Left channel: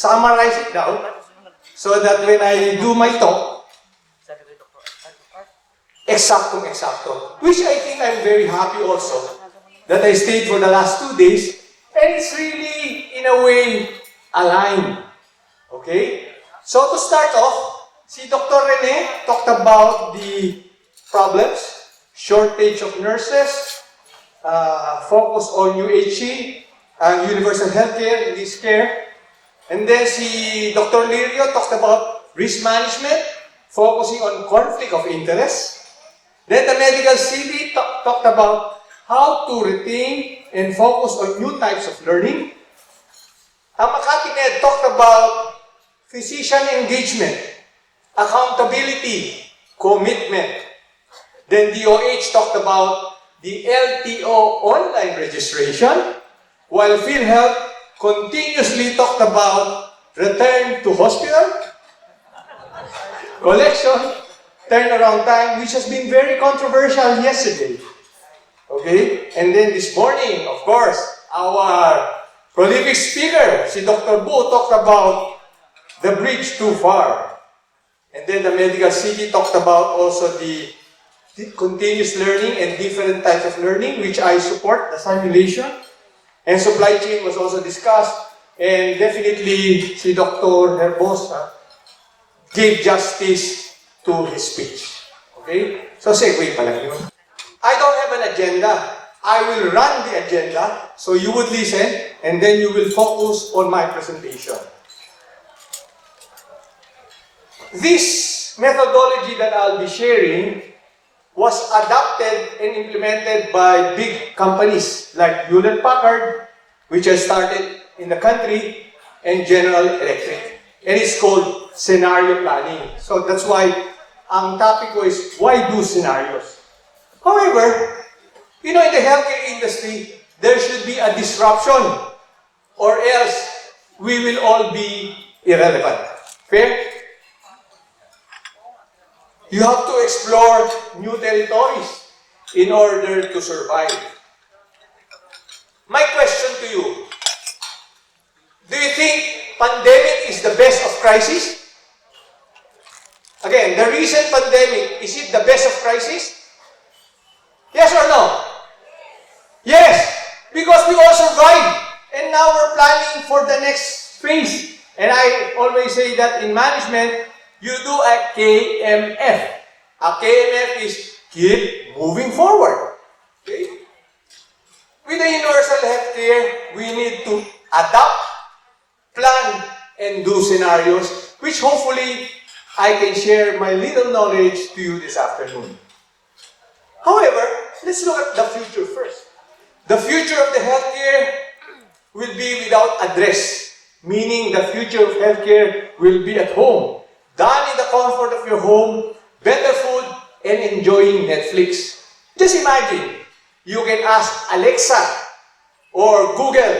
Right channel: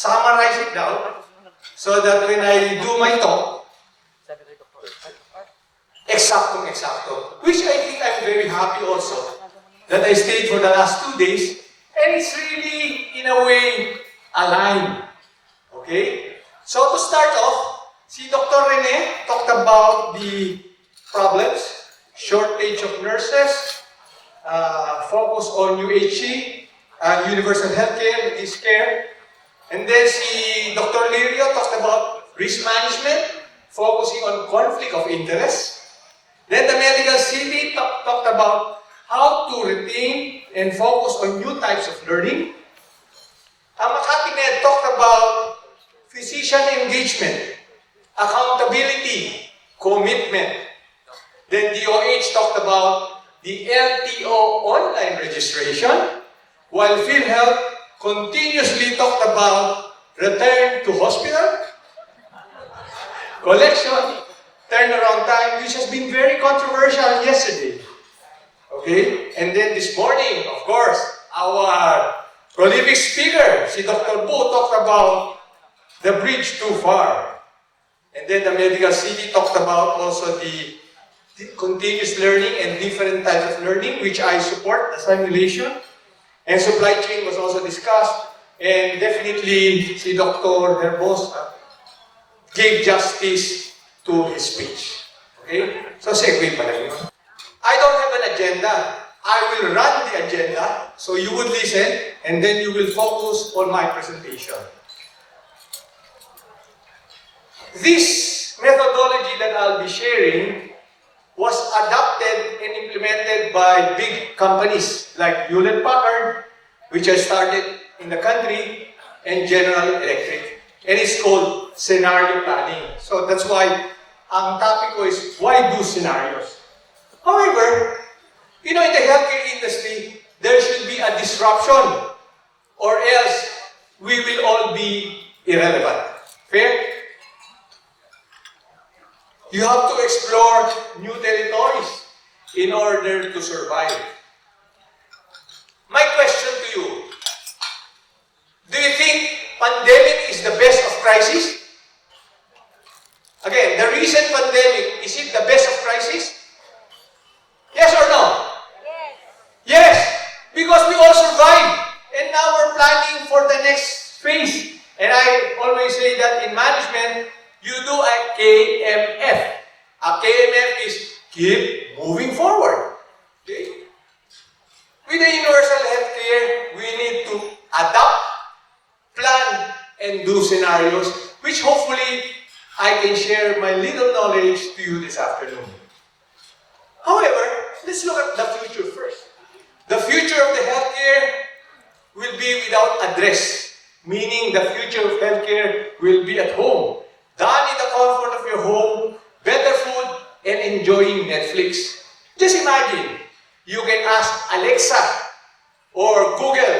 summarize it down so that when I do my talk, exacto. Which I think I'm very happy also that I stayed for the last 2 days and it's really, in a way, aligned. Okay? So to start off, si Dr. Rene talked about the problems, shortage of nurses, focus on UHC, universal healthcare, this care. And then si Dr. Lirio talked about risk management, focusing on conflict of interest. Then the medical city talked about how to retain and focus on new types of learning. Makati Med talked about physician engagement, accountability, commitment. Then DOH talked about the LTO online registration, while PhilHealth continuously talked about return to hospital, collection, turnaround time, which has been very controversial yesterday. Okay? And then this morning, of course, our prolific speaker, si Dr. Bu, talked about the bridge too far. And then the medical city talked about also the continuous learning and different types of learning, which I support, the simulation. And supply chain was also discussed. And definitely, si Dr. Herbosa gave justice to his speech. Okay? So, segue pala yun. I don't have an agenda. I will run the agenda, so you would listen, and then you will focus on my presentation. This methodology that I'll be sharing was adopted and implemented by big companies like Hewlett-Packard, which has started in the country, and General Electric. And it's called scenario planning. So that's why ang topic ko is, why do scenarios? However, in the healthcare industry, there should be a disruption or else we will all be irrelevant. Fair? You have to explore new territories in order to survive. My question to you, do you think pandemic is the best of crisis? Again, the recent pandemic, is it the best of crisis? Yes or no? Yes, because we all survived. And now we're planning for the next phase. And I always say that in management, you do a KMF. A KMF is keep moving forward. Okay? With the universal healthcare, we need to adapt, plan, and do scenarios, which hopefully I can share my little knowledge to you this afternoon. However, let's look at the future first. The future of the healthcare will be without address, meaning the future of healthcare will be at home, done in the comfort of your home, better food, and enjoying Netflix. Just imagine, you can ask Alexa or Google,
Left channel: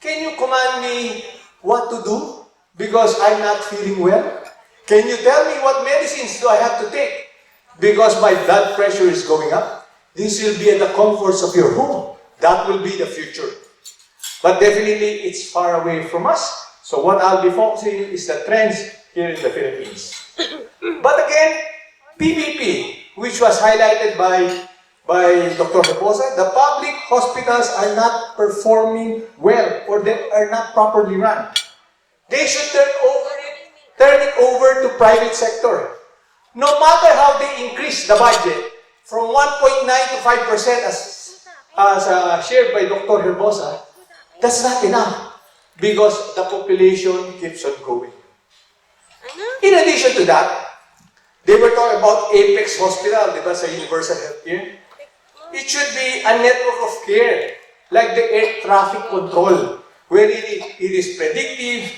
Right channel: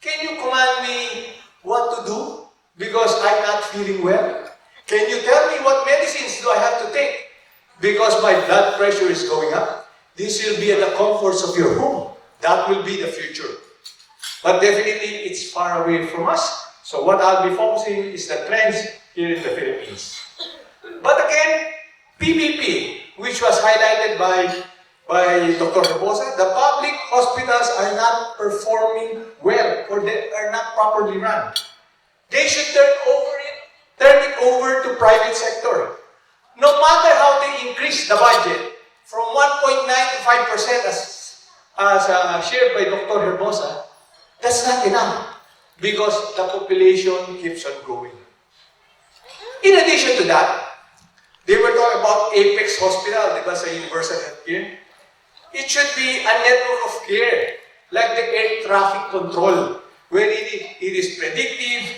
can you command me what to do because I'm not feeling well? Can you tell me what medicines do I have to take because my blood pressure is going up? This will be at the comforts of your home. That will be the future. But definitely, it's far away from us. So what I'll be focusing is the trends here in the Philippines. But again, PPP, which was highlighted by Dr. Herbosa, the public hospitals are not performing well or they are not properly run. They should turn it over to private sector. No matter how they increase the budget, from 1.9 to 5% as shared by Dr. Herbosa, that's not enough because the population keeps on growing. In addition to that, they were talking about Apex Hospital, because sa universal healthcare. It should be a network of care, like the air traffic control, where it is predictive,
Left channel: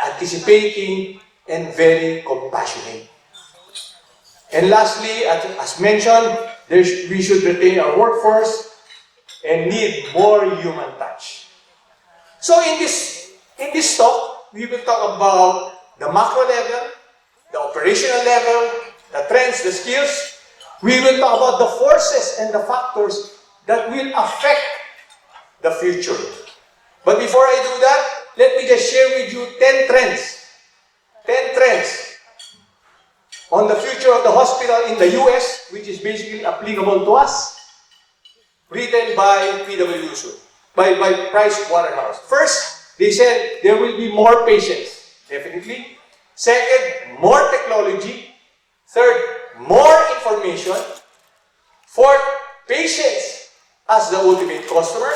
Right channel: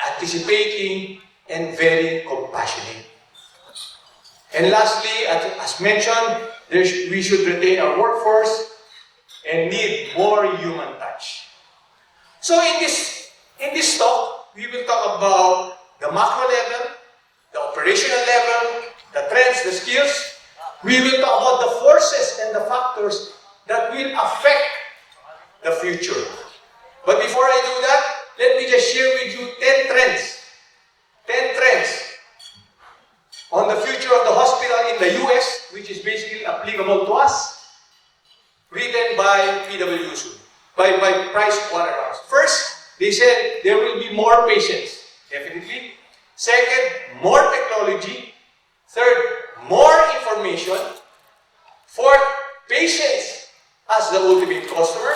anticipating, and very compassionate. And lastly, as mentioned, we should retain our workforce and need more human touch. So in this talk, we will talk about the macro level, the operational level, the trends, the skills. We will talk about the forces and the factors that will affect the future. But before I do that, let me just share with you 10 trends. 10 trends on the future of the hospital in the US, which is basically applicable to us, written by PwC, by Price Waterhouse. First, they said there will be more patients, definitely. Second, more technology. Third, more information. Fourth, patients as the ultimate customer.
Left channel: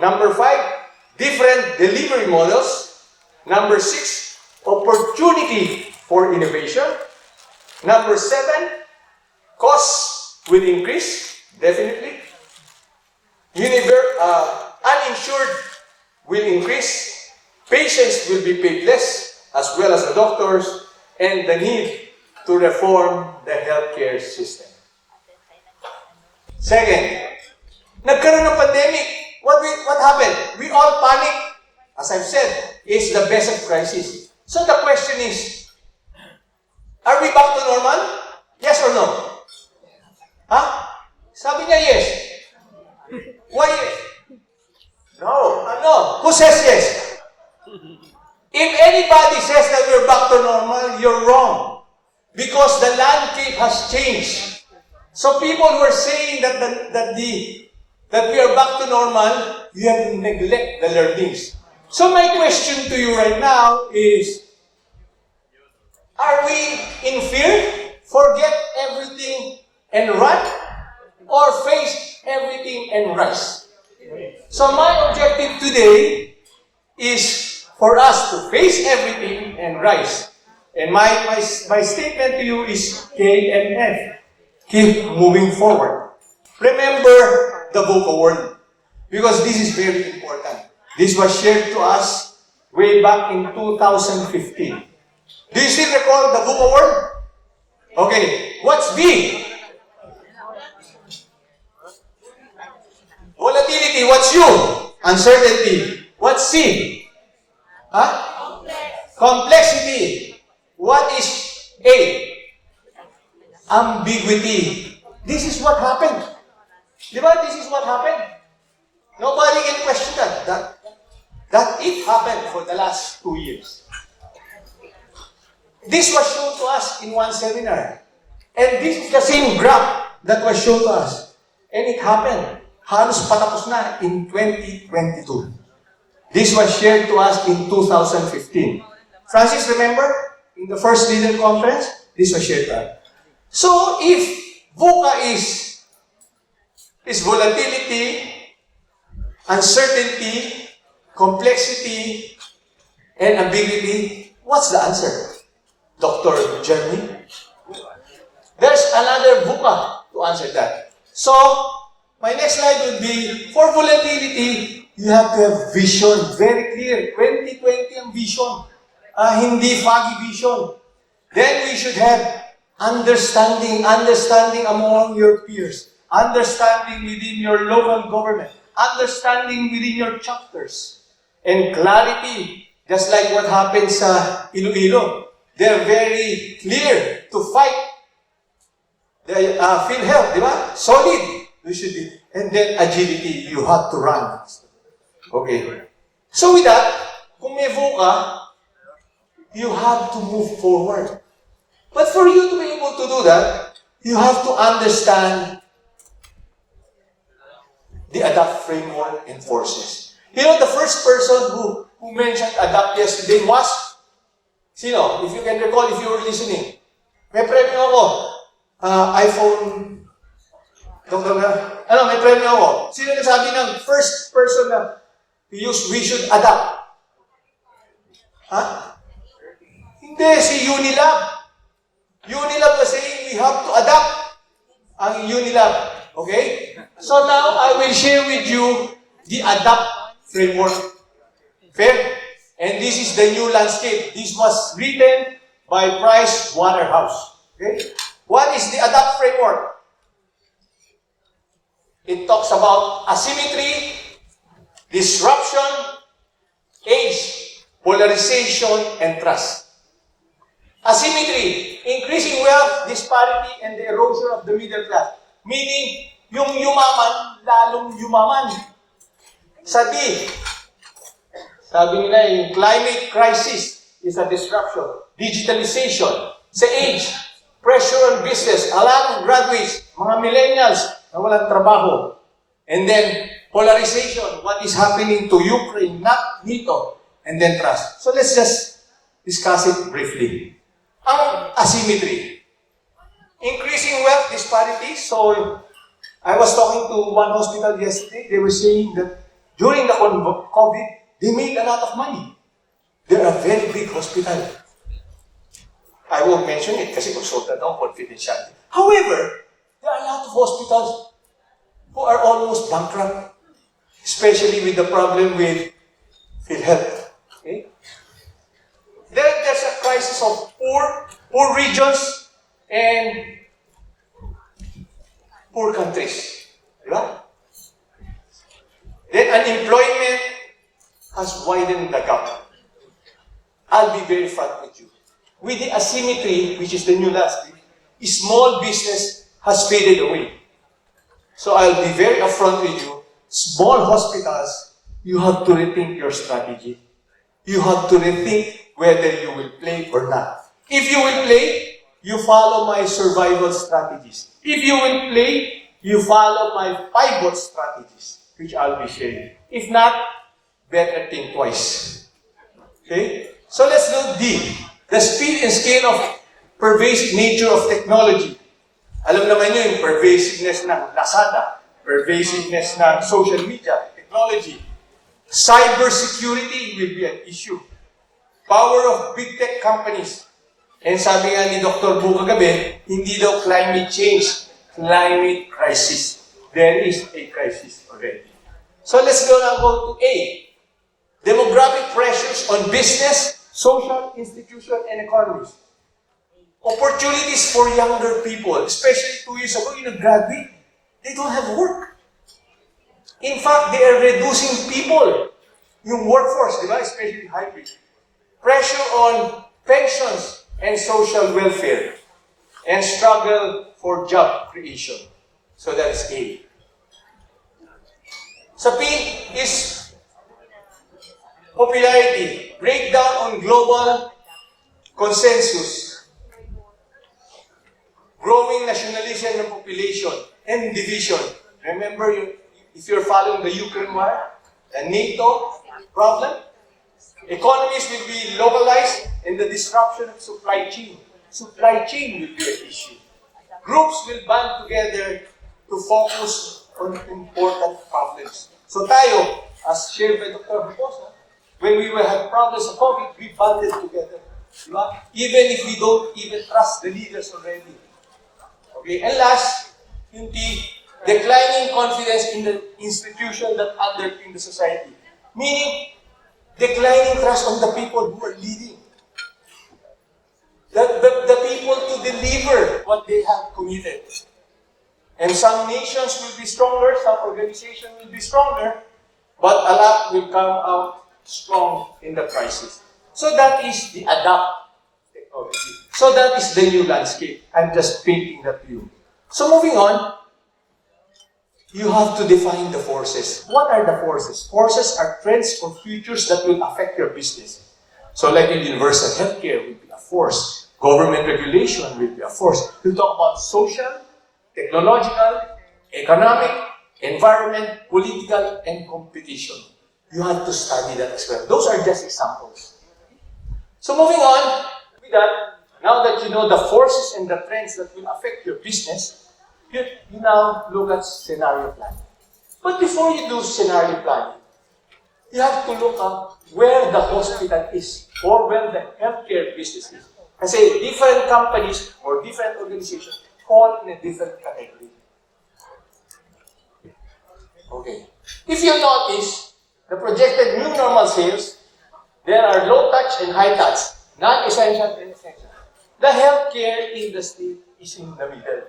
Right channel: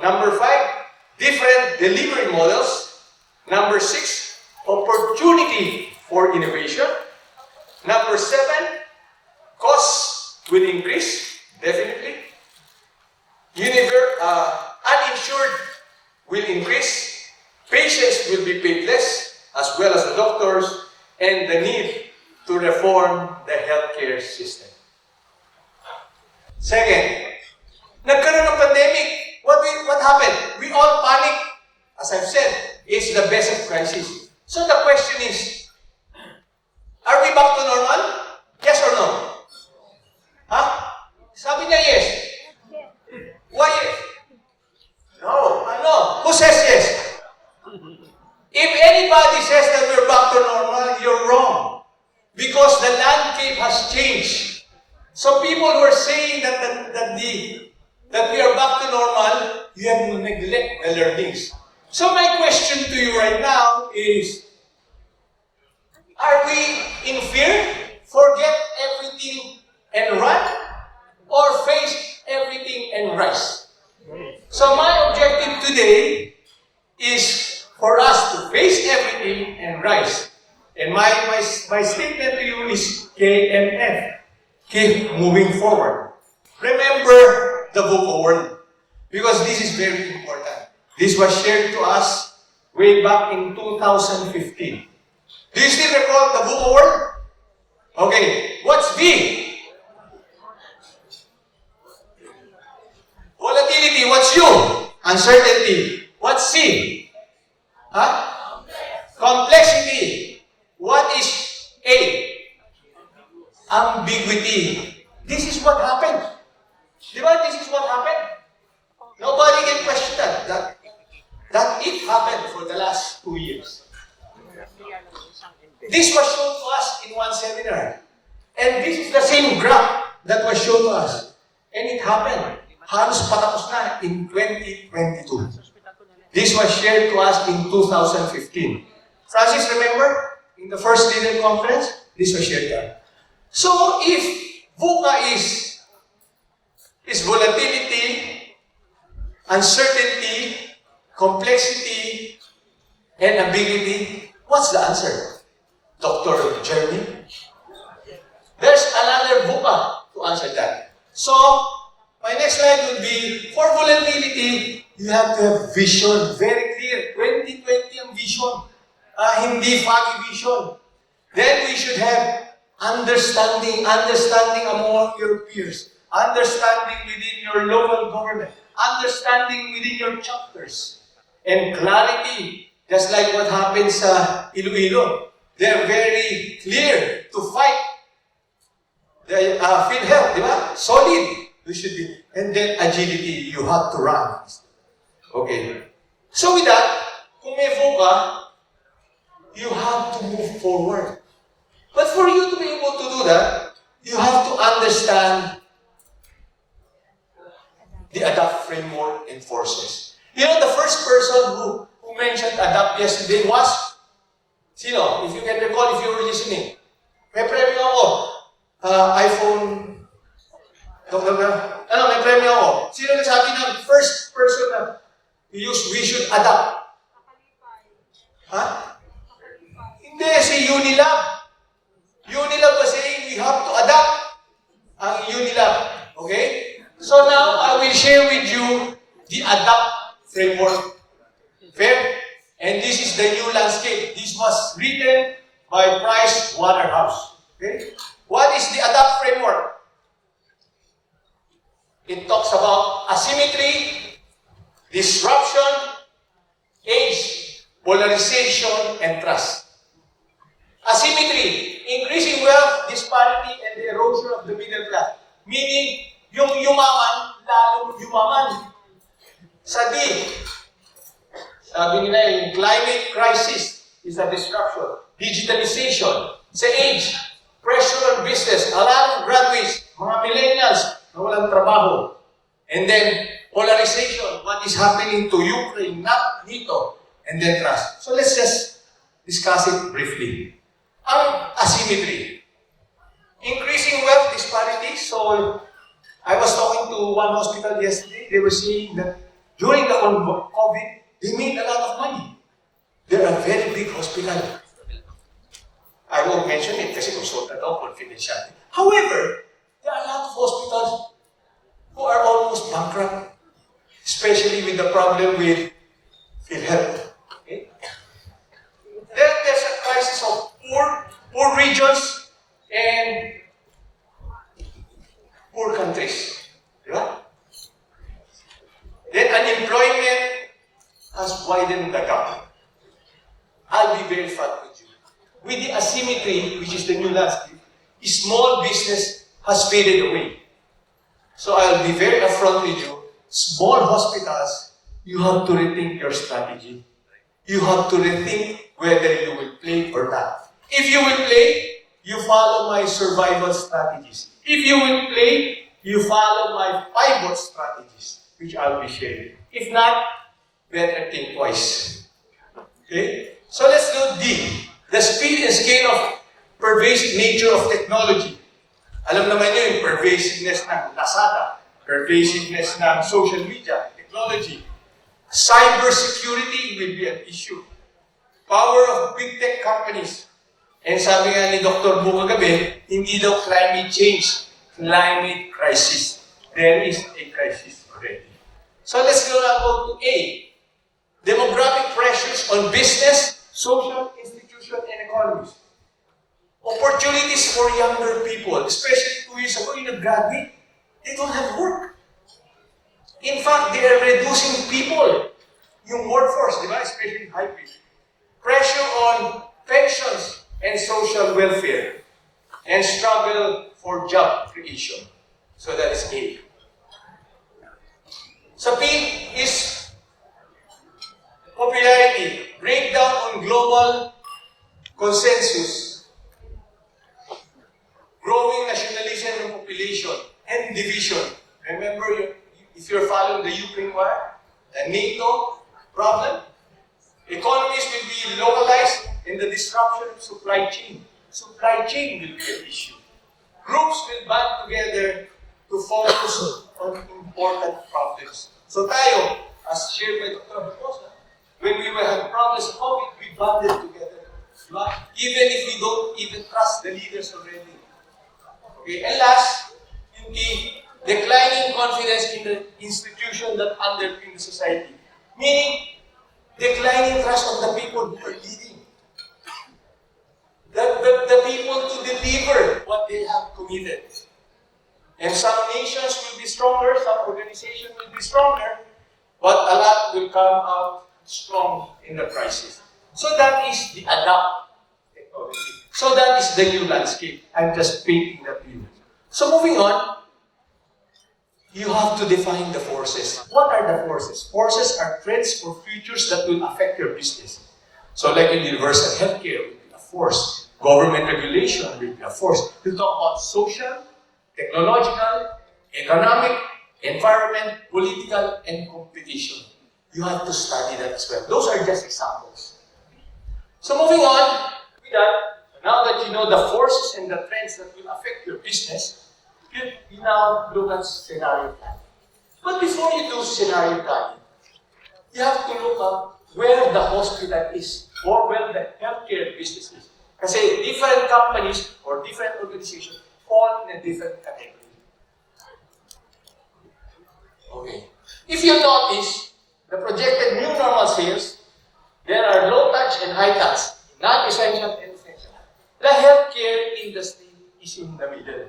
Number 5, different delivery models. Number 6, opportunity for innovation. Number 7, costs will increase, definitely. Uninsured will increase. Patients will be paid less, as well as the doctors, and the need to reform the healthcare system. Second, nagkaroon ng pandemic. What happened? We all panic. As I've said, it's the best of crisis. So the question is, are we back to normal? Yes or no? Huh? Sabi niya yes. Why yes? No. No. Who says yes? If anybody says that we're back to normal, you're wrong. Because the landscape has changed. So people who are saying that we are back to normal, you have to neglect the learnings. So my question to you right now is, are we in fear? Forget everything and run? Or face everything and rise? So my objective today is for us to face everything and rise. And my statement to you is KMF. Keep moving forward. Remember the VUCA word, because this is very important. This was shared to us way back in 2015. Do you still recall the VUCA word? Okay, what's V? Volatility, what's U? Uncertainty. What's C? Huh? Complexity. What is A? Ambiguity. This is what happened. Diba? This is what happened. Nobody can question that it happened for the last 2 years. This was shown to us in one seminar. And this is the same graph that was shown to us. And it happened. Halos patapos na in 2022. This was shared to us in 2015. Francis, remember? In the first leader conference, this was shared to us. So if VUCA is volatility, uncertainty, complexity, and ambiguity, what's the answer? Dr. Jeremy? There's another VUCA to answer that. So, my next slide would be, for volatility, you have to have vision, very clear. 2020 ang vision. Hindi foggy vision. Then we should have understanding among your peers, understanding within your local government, understanding within your chapters, and clarity, just like what happens sa Iloilo. They're very clear to fight the PhilHealth, di ba? Solid. You should be. And then agility, you have to run. Okay. So with that, kung may VUCA, you have to move forward. But for you to be able to do that, you have to understand the ADAPT framework and forces. You know, the first person who mentioned ADAPT yesterday was, sino? If you can recall, if you were listening. May premyo ako. iPhone, may premyo ako. Sino nagsabi ng first person na we should adapt? Ha? Hindi, si Unilab. Unilab was saying we have to adapt ang Unilab. Okay? So now, I will share with you the ADAPT framework. Fair? And this is the new landscape. This was written by Price Waterhouse. Okay? What is the ADAPT framework? It talks about asymmetry, disruption, age, polarization, and trust. Asymmetry, increasing wealth, disparity, and the erosion of the middle class. Meaning, yung yumaman, lalong yumaman. Sa D, Sabi nila, yung climate crisis is a disruption. Digitalization, sa age, pressure on business, a lot of graduates, mga millennials na walang trabaho. And then, polarization, what is happening to Ukraine, not NATO, and then trust. So let's just discuss it briefly. Ang asymmetry. Increasing wealth disparities. So, I was talking to one hospital yesterday. They were saying that during the COVID, they made a lot of money. They're a very big hospital. I won't mention it kasi consultant ako, confidentiality. However, there are a lot of hospitals who are almost bankrupt, especially with the problem with PhilHealth. Okay? There's a crisis of poor regions and poor countries. Right? Then unemployment has widened the gap. I'll be very frank with you. With the asymmetry, which is the new landscape, small business has faded away. So I'll be very upfront with you. Small hospitals, you have to rethink your strategy. You have to rethink whether you will play or not. If you will play, you follow my survival strategies. If you will play, you follow my pivot strategies, which I'll be sharing. If not, better think twice. Okay? So let's do D. The speed and scale of pervasive nature of technology. Alam naman nyo yung pervasiveness ng Lazada, pervasiveness ng social media, technology. Cybersecurity will be an issue. Power of big tech companies. And sabi nga ni Dr. Bu kagabi, hindi daw climate change, climate crisis. There is a crisis already. So let's go to A. Demographic pressures on business, social, institution, and economies. Opportunities for younger people, especially 2 years ago, you graduate, they don't have work. In fact, they are reducing people, yung workforce, di ba? Especially hybrid. Pressure on pensions and social welfare, and struggle for job creation. So that is A. Sa P is popularity, breakdown on global consensus, growing nationalism ng population, and division. Remember, if you're following the Ukraine war, the NATO problem, economies will be localized and the disruption of supply chain. Supply chain will be an issue. Groups will band together to focus on important problems. So tayo, as shared by Dr. Bukosa, when we will have problems of COVID, we banded together. Diba? Even if we don't even trust the leaders already. Okay, and last, yung declining confidence in the institution that underpin the society. Meaning, declining trust on the people who are leading. The people to deliver what they have committed. And some nations will be stronger, some organizations will be stronger, but a lot will come out strong in the crisis. So that is the adapt technology. So that is the new landscape. I'm just painting that to you. So moving on, you have to define the forces. What are the forces? Forces are trends or futures that will affect your business. So like in universal healthcare will be a force. Government regulation will be a force. We'll talk about social, technological, economic, environment, political, and competition. You have to study that as well. Those are just examples. So moving on with that, now that you know the forces and the trends that will affect your business, you now look at scenario planning. But before you do scenario planning, you have to look up where the hospital is or where the healthcare business is. Kasi different companies or different organizations fall in a different category. Okay. If you notice, the projected new normal sales, there are low touch and high touch, non-essential and essential. The healthcare industry is in the middle.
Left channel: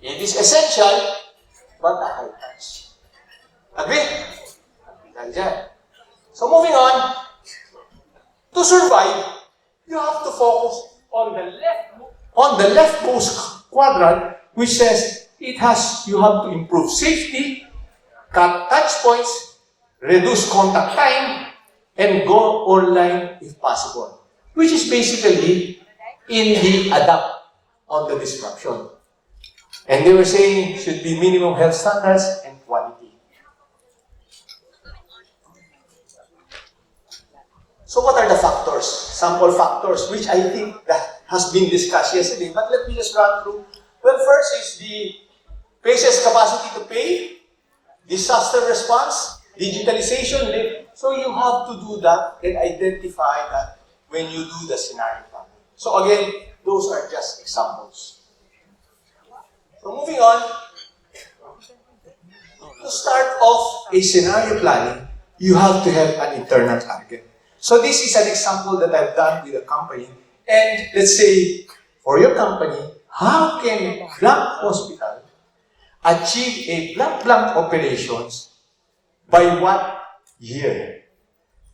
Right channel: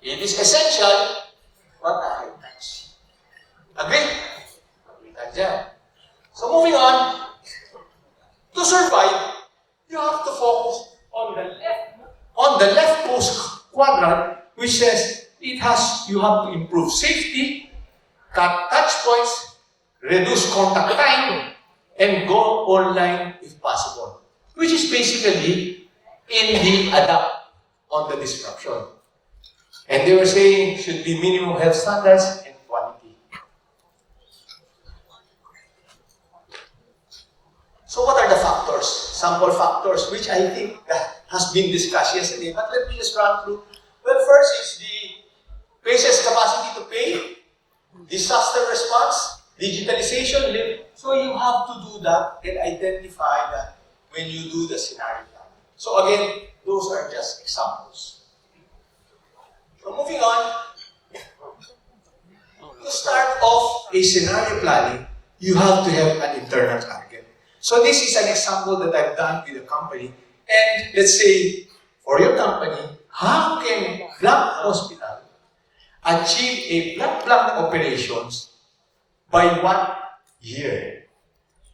It is essential, but a high touch. Agree? Agree tayo dyan. So moving on, to survive, you have to focus on the leftmost quadrant, which says you have to improve safety, cut touch points, reduce contact time, and go online if possible, which is basically in the adapt on the disruption. And they were saying should be minimum health standards and quality. So what are the factors? Sample factors, which I think that has been discussed yesterday, but let me just run through. Well, first is the patient's capacity to pay, disaster response, digitalization. So you have to do that and identify that when you do the scenario planning. So again, those are just examples. So moving on, to start off a scenario planning, you have to have an internal target. So this is an example that I've done with a company. And let's say, for your company, how can blank hospital achieve a blank operations by what year?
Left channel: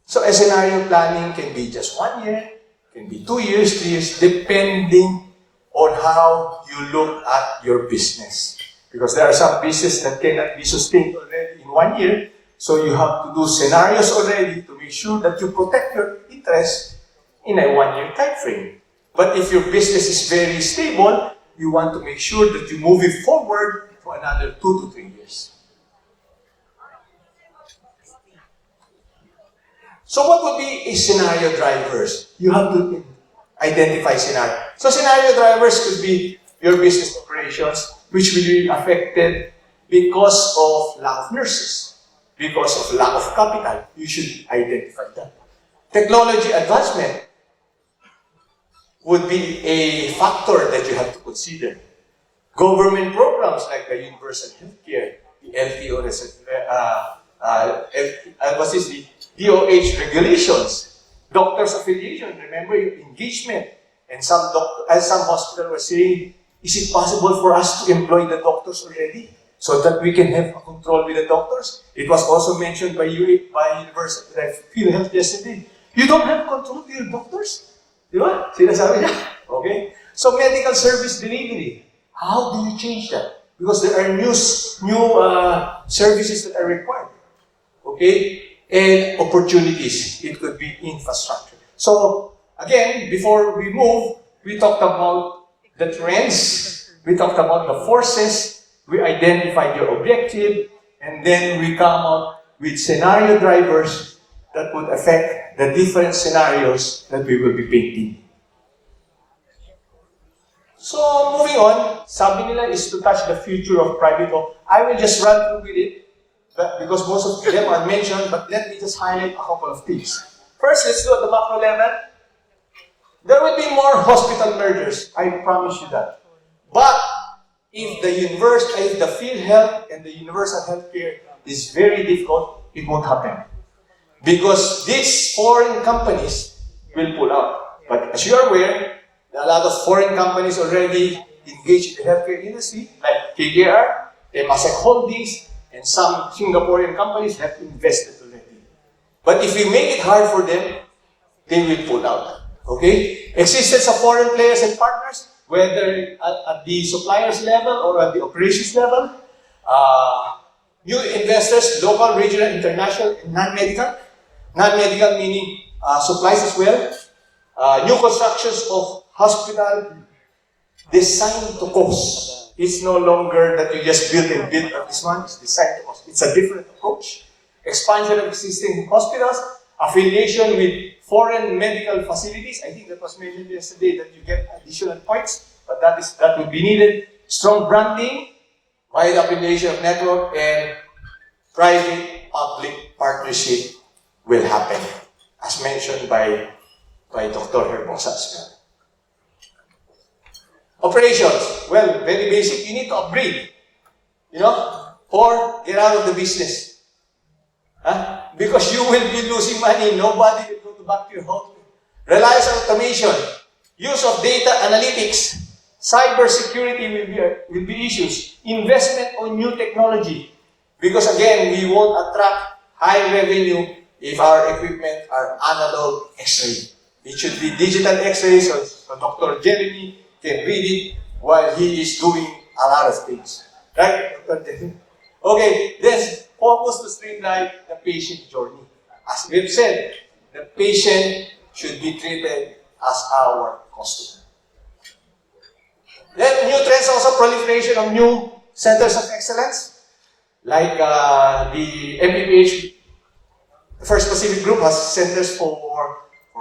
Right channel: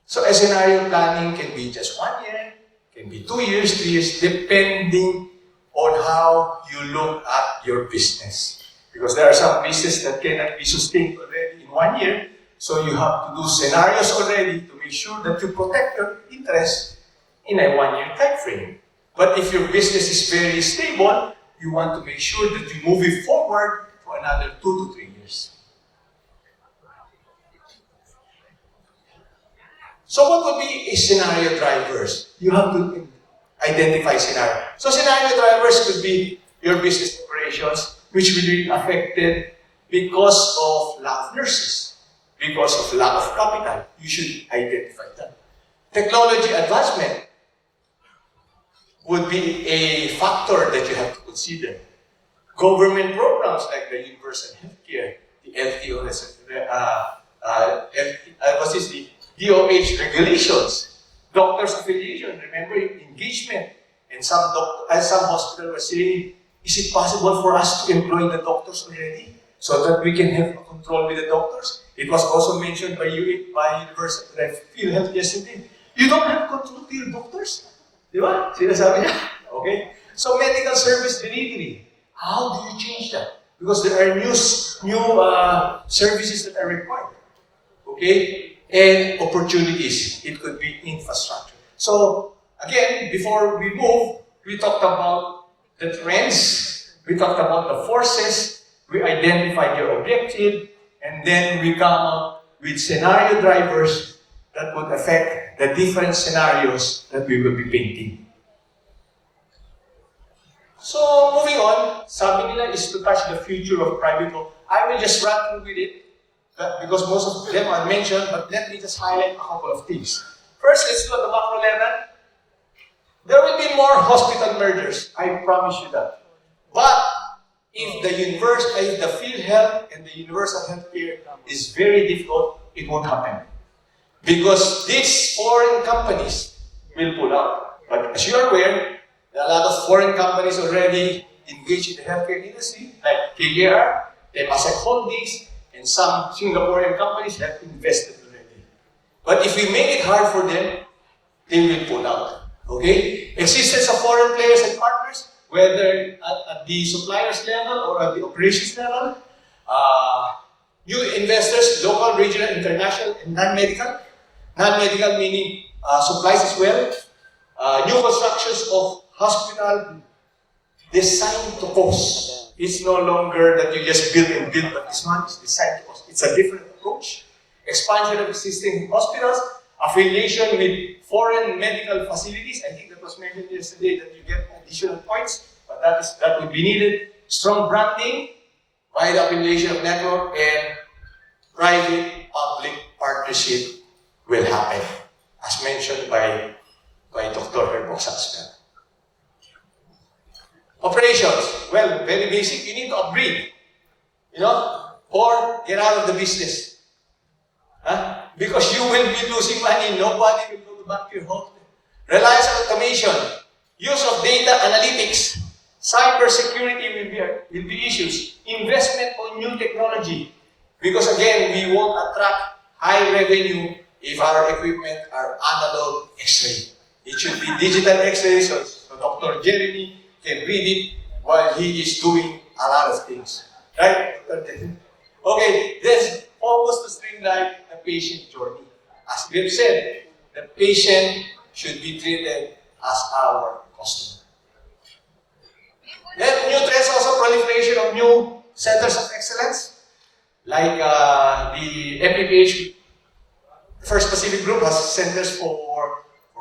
So a scenario planning can be just 1 year, can be 2 years, 3 years, depending on how you look at your business. Because there are some businesses that cannot be sustained already in 1 year. So you have to do scenarios already to make sure that you protect your interest in a 1 year time frame. But if your business is very stable, you want to make sure that you move it forward for another 2 to 3 years. So what would be a scenario drivers? You have to identify scenario. So scenario drivers could be your business operations, which will be affected because of lack of nurses, because of lack of capital. You should identify that. Technology advancement would be a factor that you have to consider. Government programs like the universal healthcare, the LTO, the DOH regulations, doctors' affiliation, remember your engagement. And some hospitals were saying, is it possible for us to employ the doctors already so that we can have control with the doctors? It was also mentioned by University PhilHealth yesterday. You don't have control with your doctors? Di ba? Sinasabi niya. Okay? So medical service delivery, how do you change that? Because there are new services that are required. Okay? And opportunities. It could be infrastructure. So, again, before we move, we talked about the trends, we talked about the forces, we identified your objective, and then we come out with scenario drivers that would affect the different scenarios that we will be painting. So, moving on, sabi nila is to touch the future of private home. I will just run through with it, because most of them are mentioned, but let me just highlight a couple of things. First, let's do at the macro level. There will be more hospital mergers, I promise you that. But if the field health and the universal healthcare is very difficult, it won't happen. Because these foreign companies will pull out. But as you are aware, there are a lot of foreign companies already engaged in the healthcare industry, like KKR, Temasek Holdings, and some Singaporean companies have invested already. But if we make it hard for them, they will pull out. Okay? Existence of foreign players and partners, whether at the suppliers level or at the operations level. New investors, local, regional, international, and non-medical. Non-medical meaning supplies as well. New constructions of hospital designed to cost. It's no longer that you just build and build, but this one is designed to cost. It's a different approach. Expansion of existing hospitals, affiliation with foreign medical facilities. I think that was mentioned yesterday that you get additional points, but that would be needed. Strong branding, wide affiliation of network, and private-public partnership will happen, as mentioned by Dr. Herbosa as well. Operations, well, very basic. You need to upgrade, or get out of the business. Because you will be losing money. Nobody will go back to your home. Reliance on automation, use of data analytics, cyber security will be issues. Investment on new technology. Because again, we won't attract high revenue if our equipment are analog X-ray. It should be digital X-ray, so Dr. Jeremy can read it while he is doing a lot of things. Right? Okay, then focus to streamline the patient journey. As we've said, the patient should be treated as our customer. Then, new trends also, proliferation of new centers of excellence, like the MPPH, the First Pacific Group has centers for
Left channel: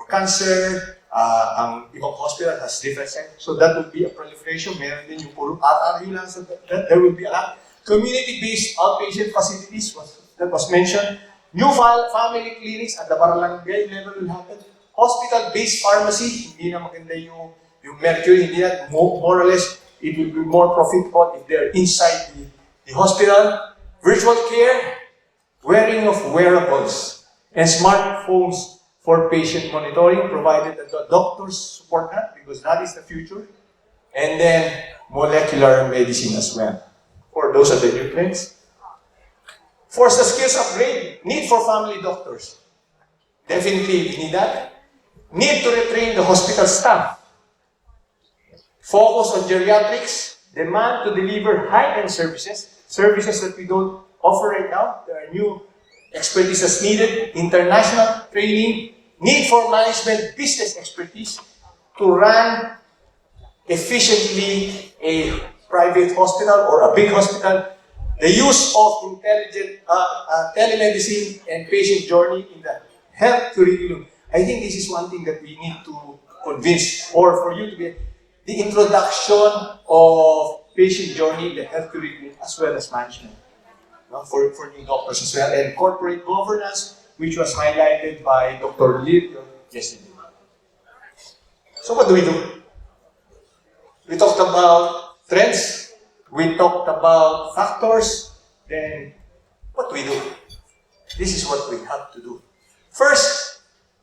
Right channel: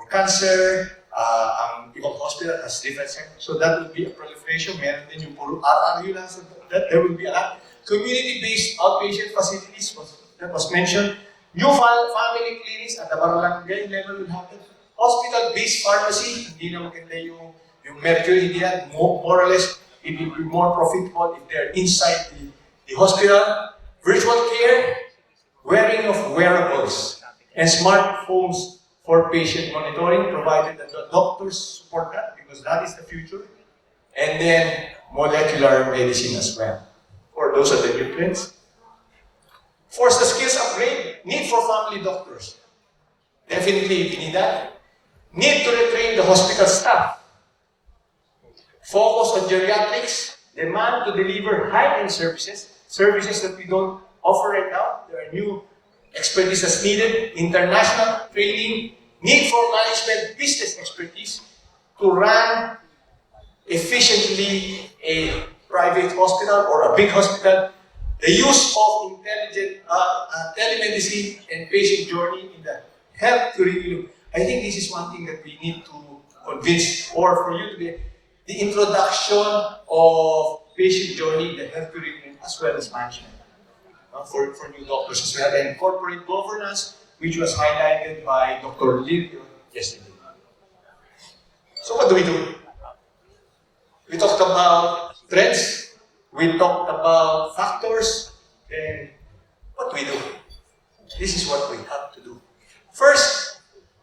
cancer, ang ibang hospital has different centers. So that would be a proliferation. Meron din yung puro RRU lang. So that there will be a lot. Community-based outpatient facilities that was mentioned. New family clinics at the barangay level will happen. Hospital-based pharmacy, hindi na maganda yung mercury, hindi na more or less, it will be more profitable if they're inside the hospital. Virtual care, wearing of wearables, and smartphones for patient monitoring, provided that the doctors support that, because that is the future. And then, molecular medicine as well. For those are the new trends. Force the skills upgrade, need for family doctors. Definitely, we need that. Need to retrain the hospital staff. Focus on geriatrics, demand to deliver high-end services that we don't offer right now. There are new expertise needed, international training, need for management business expertise to run efficiently a private hospital or a big hospital, the use of intelligent telemedicine and patient journey in the health curriculum. I think this is one thing that we need to convince, or for you to be, the introduction of patient journey in the health curriculum as well as management. For new doctors as well, and corporate governance, which was highlighted by Dr. Lirio yesterday. So what do? We talked about trends, we talked about factors, then what do we do? This is what we have to do. First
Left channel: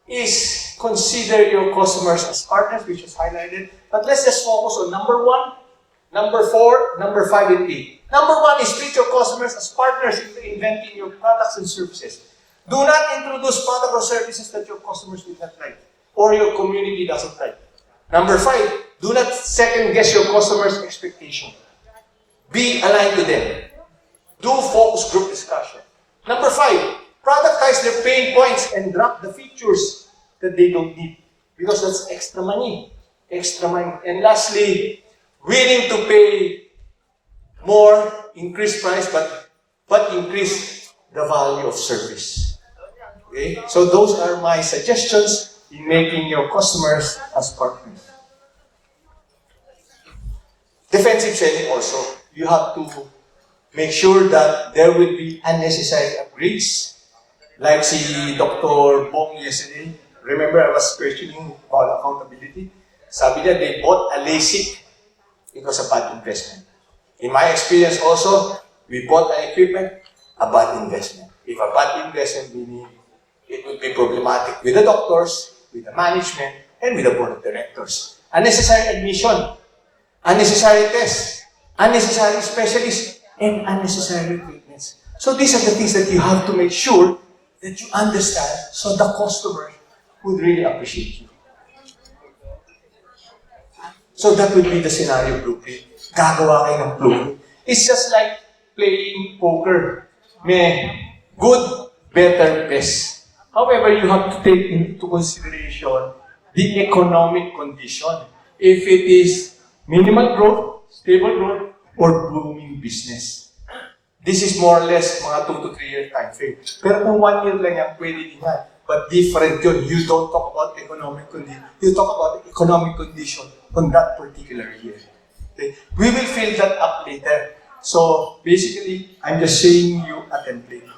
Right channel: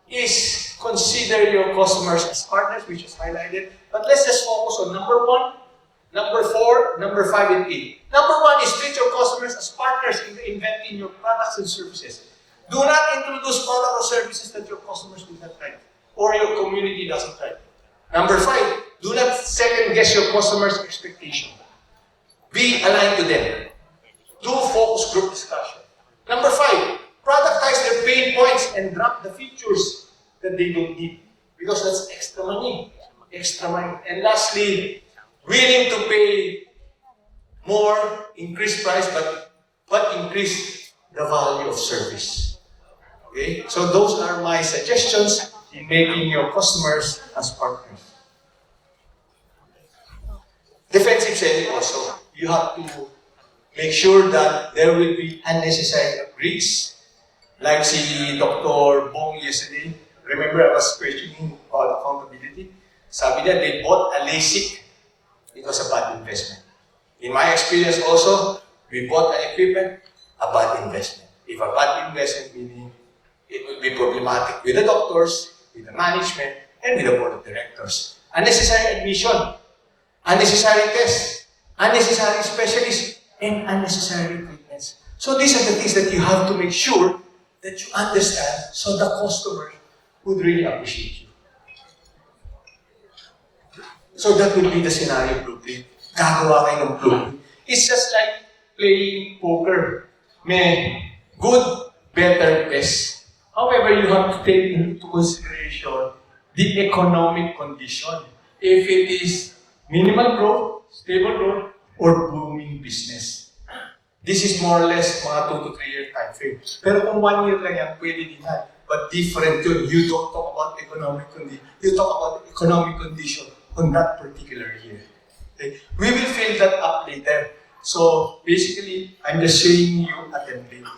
is consider your customers as partners, which is highlighted, but let's just focus on number 1, number 4, number 5, and 8. Number 1 is treat your customers as partners in inventing your products and services. Do not introduce products or services that your customers will not like, or your community doesn't like. Number 5, do not second guess your customers' expectation. Be aligned to them. Do focus group discussion. Number 5, productize their pain points and drop the features that they don't need, because that's extra money. Extra money. And lastly, willing to pay more, increase price, but increase the value of service. Okay? So those are my suggestions in making your customers as partners. Defensive selling also. You have to make sure that there will be unnecessary upgrades. Like si Dr. Bong yesterday, remember I was questioning about accountability. Sabi niya, they bought a LASIK. It was a bad investment. In my experience also, we bought an equipment, a bad investment. If a bad investment, meaning it would be problematic with the doctors, with the management, and with the board of directors. Unnecessary admission, unnecessary tests, unnecessary specialists, and unnecessary treatments. So these are the things that you have to make sure that you understand, so the customer would really appreciate you. So that would be the scenario blueprint. Gagawa kayo ng blueprint. It's just like playing poker. May good, better, best. However, you have to take into consideration the economic condition. If it is minimal growth, stable growth, or booming business. This is more or less mga 2 to 3 year time frame. Pero kung 1 year lang yan, pwede din yan. But different yun. You don't talk about economic condition. You talk about economic condition on that particular year. Okay? We will fill that up later. So basically, I'm just showing you a template.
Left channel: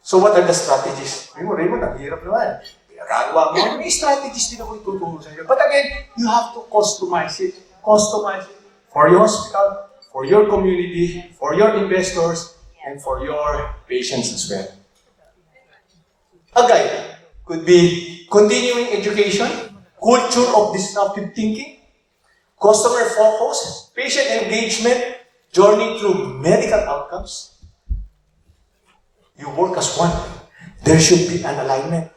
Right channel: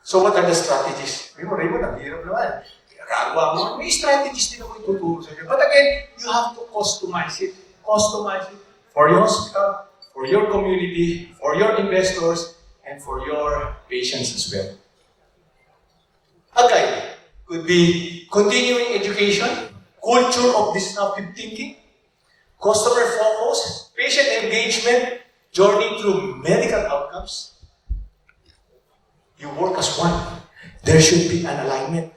So what are the strategies? Raymond, ang hirap naman. Gagawa mo. May strategies din ako ituturo sa inyo. But again, you have to customize it. Customize it for your hospital, for your community, for your investors, and for your patients as well. A guide could be continuing education, culture of disruptive thinking, customer focus, patient engagement, journey through medical outcomes. You work as one. There should be an alignment.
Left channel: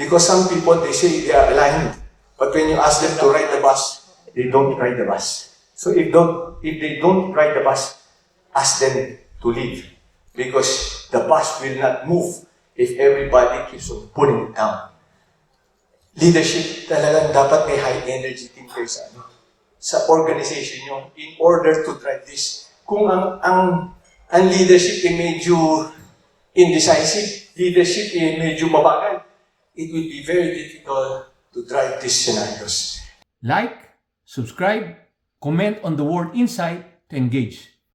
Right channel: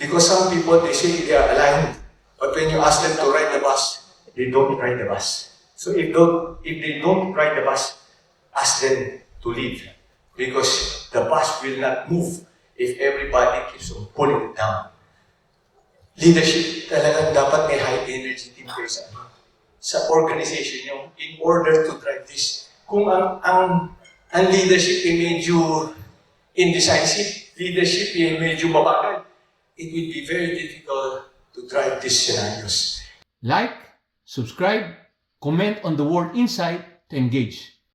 Because some people, they say they are aligned, but when you ask them to ride the bus, they don't ride the bus. So if they don't ride the bus, ask them to leave. Because the bus will not move if everybody keeps on pulling it down. Leadership talagang dapat may high energy team kayo sa organization nyo in order to drive this. Kung ang leadership ay medyo indecisive, leadership ay medyo mabagal, it will be very difficult to drive these scenarios. Like, subscribe, comment on the word insight to engage.